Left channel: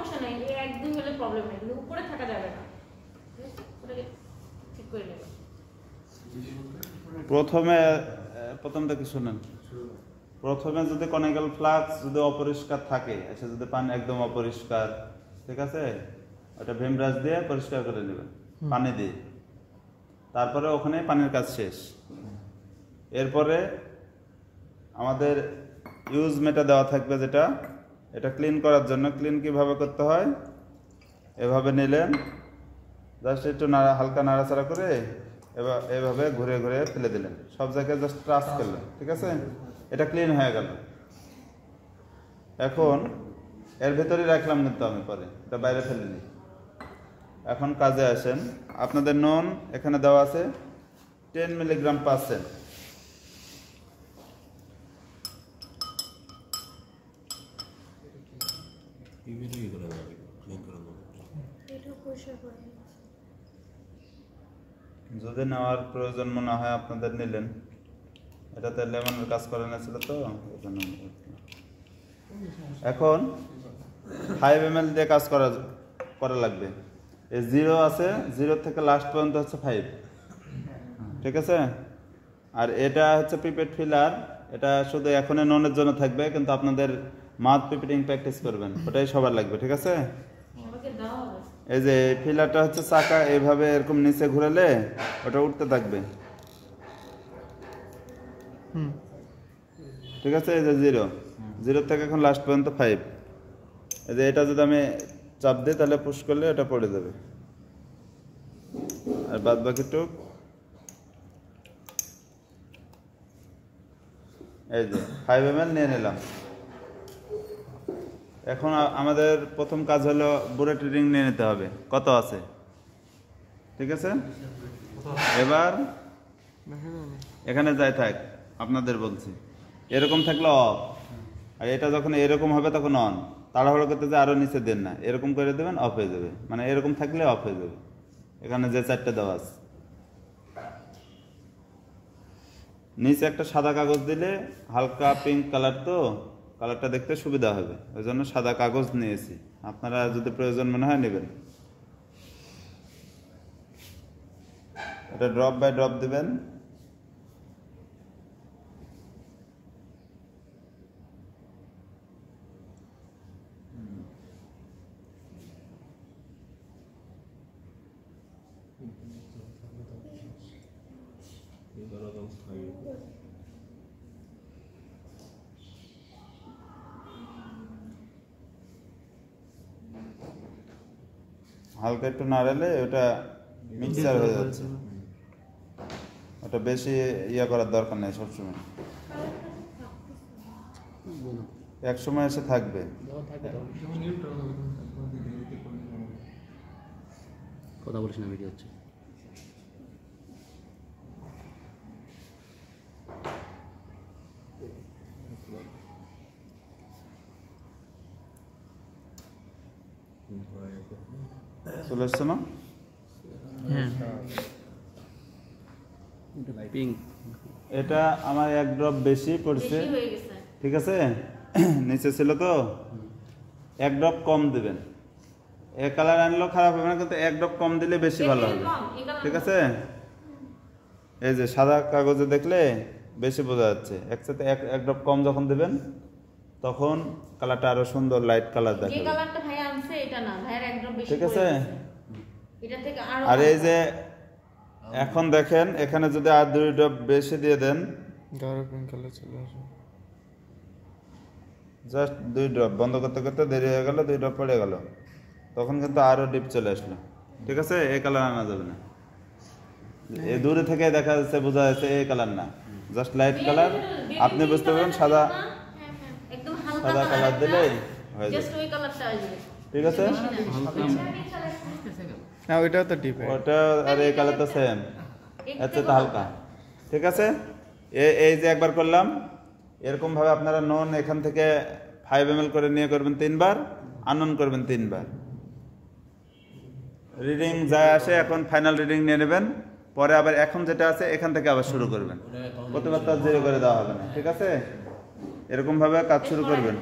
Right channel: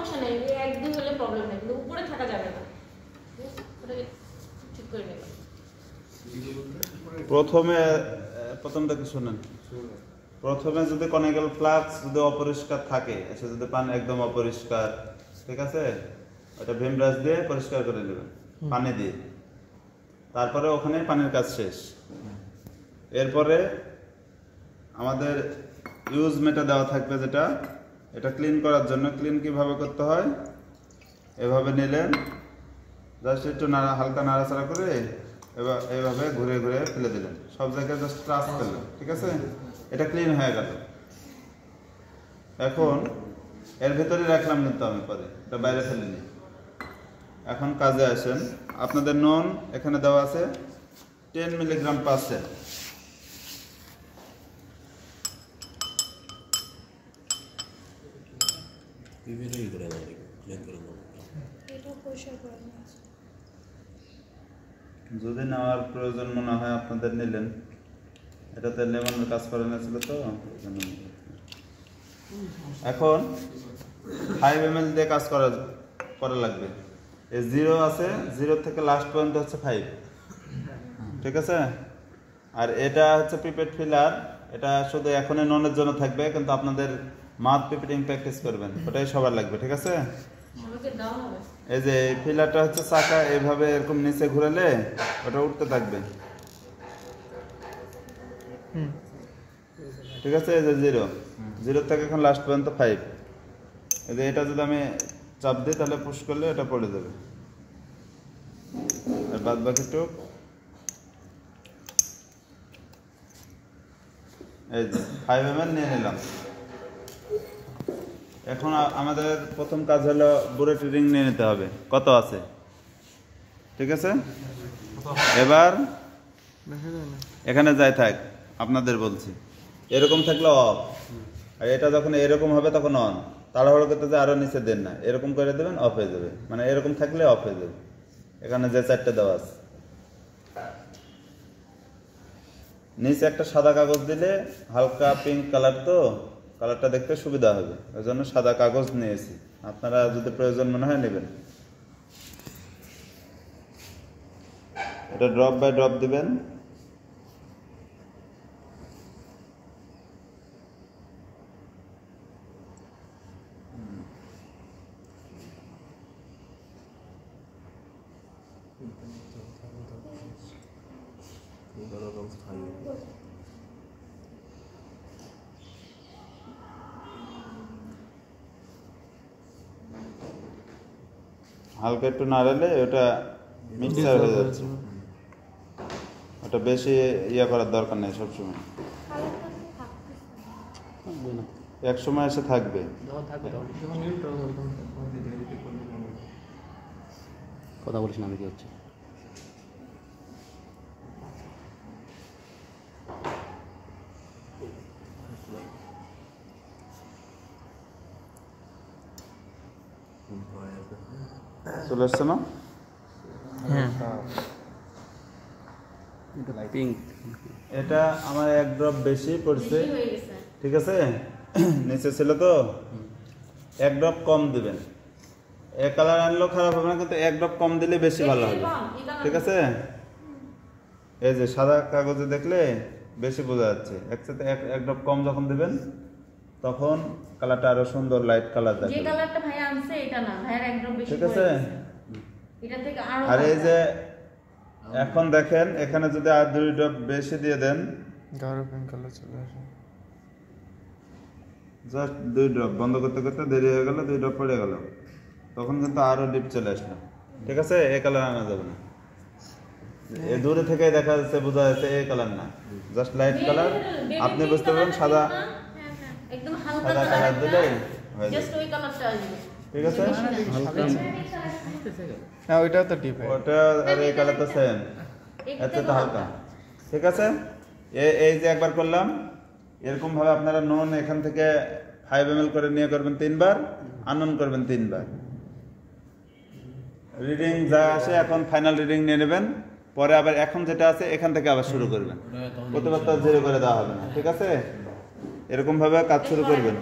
সমস্যা নাই, এক দুই হলে প্রবলেম নাই, কিন্তু উপরে থাকা যাবে না। ওটাকে ঠিক করে নেব। প্রথমটা কি শুনেন, প্রথমে যদি কনিক্যাল ফ্লাক্স যদি অপরিষ্কার থাকে, সে যদি পানি একদম অপরিষ্কার, ঠিক আছে, ওটা ভিম ব্রাশ দিয়ে পরিষ্কার করে নেবেন পানি দিয়ে, তারপরে ওখানে পানির কাজ শেষ। এরপরে আমাদের ইউজ মেটা দেওয়া থাকবে, যেটা এটা ক্লিন করার জন্য। ক্লিন কিভাবে করতে হয়, এভাবে নিলেন, জাস্ট একটু হালকা নাড়াচাড়া করে এভাবে ঘুরে ঘুরে ফেলে দিলেন, সব জায়গায় জাস্ট টাচ করলেন, ঠিক আছে, এটা ক্লিন হয়ে গেল। এখন এর ভিতরে রাখলাম কিন্তু আমি, পরে এটা বাইরে ফেলে দিই। এখন কাজে আসেন, আপনাদের নুন এখানে দেওয়া আছে 10 mg/%। যদি নেওয়ার প্রয়োজন মনে হয় আপনাদের নিলেন, এটা তো লেমনের কাজ করে নিয়েছিল তো। এখন 5 ml দিয়ে কাজ করা লাগবে। এই 0 আছে, 0 থেকে লাস্ট পর্যন্ত হচ্ছে 5, ঠিক আছে। আর এটা হচ্ছে পিপেট ফিলার, এটা শুধু এখনই নুনের জন্য থাকবে, কিন্তু আপনাদের মাউথ পিপেটিং প্র্যাকটিস করবেন, ওটাই সবার লাগবে, ঠিক আছে। এই যে ফিলারটা হচ্ছে চাকা, এইভাবে এরকম নিচে ঘুরালে ওটা উঠতে থাকবে, ঠিক আছে। এই যে 0 থেকে এখন লাস্ট পর্যন্ত 5। এই যে এটা যদি আমি চাপ দিই তাহলে পুশ করলে এটা পড়ে যাবে, আর বাদ বাকিটুক এই যে 5 ml নিয়ে নিলাম। এখন আমাদের প্রথম কাজ হলো বুলেট রিডিং নিয়ে নিতে হবে, কত আছে, ঠিক আছে। এবার এখানে যাই থাক, আপনাদের বলছি, এরকম থাকলে অফ, আর এটা যখন এরকম হবে তখন অন। তাড়াহুড়ো করতে যে আরো নিচে দেন না, এরকম করে দেবেন, অফ হয়ে যাবে, মানে এরকম থাকলে অফ হয়ে যাবে। এখানে যে 4টে দেওয়া আছে, নিচে একটা সাদা কাগজ দিলে, হালকা পিঙ্ক কালার তো, কালারটা দেখতে সুবিধা হবে, ওই জন্য সাদা কাগজ নিয়েছি, আপনারা যদি প্রয়োজন মনে হয় নেবেন। এটা ড্রপ বাই ড্রপ দিবেন, হালকা একটু নাড়ালে ওটা মিক্সার হয়ে যাচ্ছে, ওটা বেশি ইয়া করার দরকার নেই। সবসময় এক সময় এসে থাকবে, কথা বলিস না, আমি কি হচ্ছে চলে আসছে না? পিঙ্ক, এটা আমার 1 ড্রপ বেশি পড়ছে, ঠিক আছে, নিচে ছিল তো, 1 ড্রপ কম দিবেন। এক কালার আনলেও খারাপ হবে না, কিন্তু 1 ড্রপ কম দিলে বেশি ভালো হবে, ঠিক আছে। এই যে সাদা কাগজে দেখলে বেশি বোঝা যাচ্ছে, একসাথে 1 ড্রপ কম যখন দিবেন তখন কালারটা আরো সুন্দর লাইট কালার দেখাবে। যে কালারটা ভাই আনছে এটা না, ভাইয়ের 1 ড্রপ বেশি, ঠিক আছে। এটা থেকে আরো, আর এই যে এখন দেখেন, এখানে যদি আর 2 ড্রপ বেশি দিয়ে দেন, গাঢ় পিঙ্ক কালার চলে আসে, জাস্ট 2 ড্রপ, বন্ধ করতে করতে দেরি হয়ে গেল, 2 ড্রপ পড়ে গেল, তখন কিন্তু আরো ডিপ চলে আসলো, ঠিক আছে। এই কালার আনা যাবে না, এই দূরে থেকে দেখা যাচ্ছে, বোঝা যাচ্ছে এই কালার না, জাস্ট লাইট কালার। আপনি বুঝতে পারবেন সাদা, একদম হালকা সাদা কালার কালার দিলে জাস্ট ওই কালারটা আসবে, ঠিক আছে। হ্যাঁ ওইটাও তো ডিপ, ওটা আর এই কালার তো সেম, এত তো হালকা, ঠিক আছে। এই যে একবার করলাম, এরকম ভাবে আপনারা নন এখান থেকে 5 ml করে নিয়ে করবেন 3 বার, আনন করবেন 3 বার। রিডিং যা আসে এখন ফাইনাল রিডিং নিয়ে নেবেন, পরে আবার এখন যেটা আছে এখান থেকে আবার শুরু করবেন, প্রতিবার তো 0 করে দেওয়া হবে না, ঠিক আছে। এরকম ভাবে কাজ শুরু করবেন।